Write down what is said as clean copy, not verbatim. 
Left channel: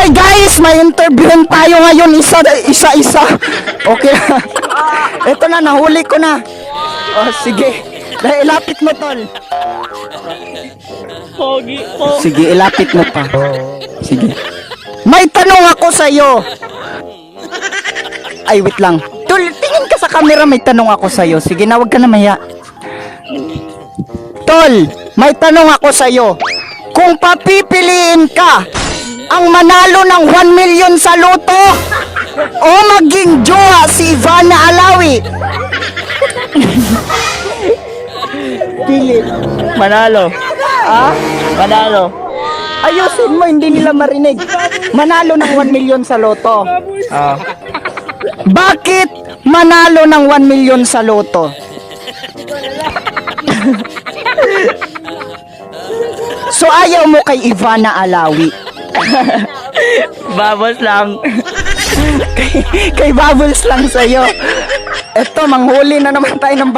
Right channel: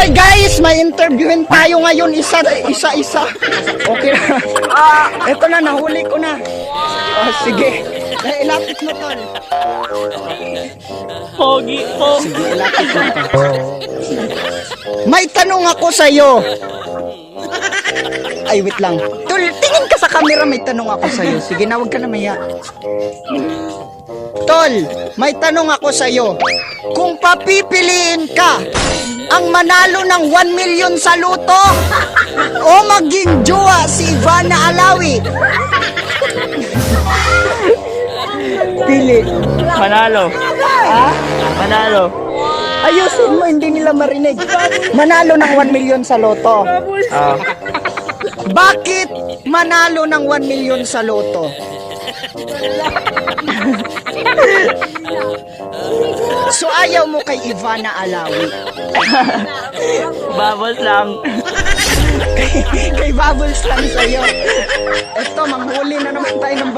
Hoy guys, may interviewin tayo ngayon isa-isa. Okay. Ito na, nahuli ko na. Oh, sige. Dahil ilapit mo, tol. Pogi po. Sige, ilapit mo pa. Sige. May tanong ako sa'yo. Ay, wait lang. Tol, tingin ka sa camera, may tanong ako sa'yo. Sige na, wag ka na maya. Tol, may tanong ako sa'yo. Kung papipiliin ka ang manalo ng 1 million sa loto o maging jowa si Ivana Alawi, Pili. Manalo. Ha? Manalo. ayusin mo, hindi nila marinig. Manalo ng 1 million sa loto. Ah. Bakit manalo ng 1 million sa loto? So ayaw mo kay Ivana Alawi. Babos lang. Kay Bubbles lang sa'yo. Eto, manghuli na naman tayo ng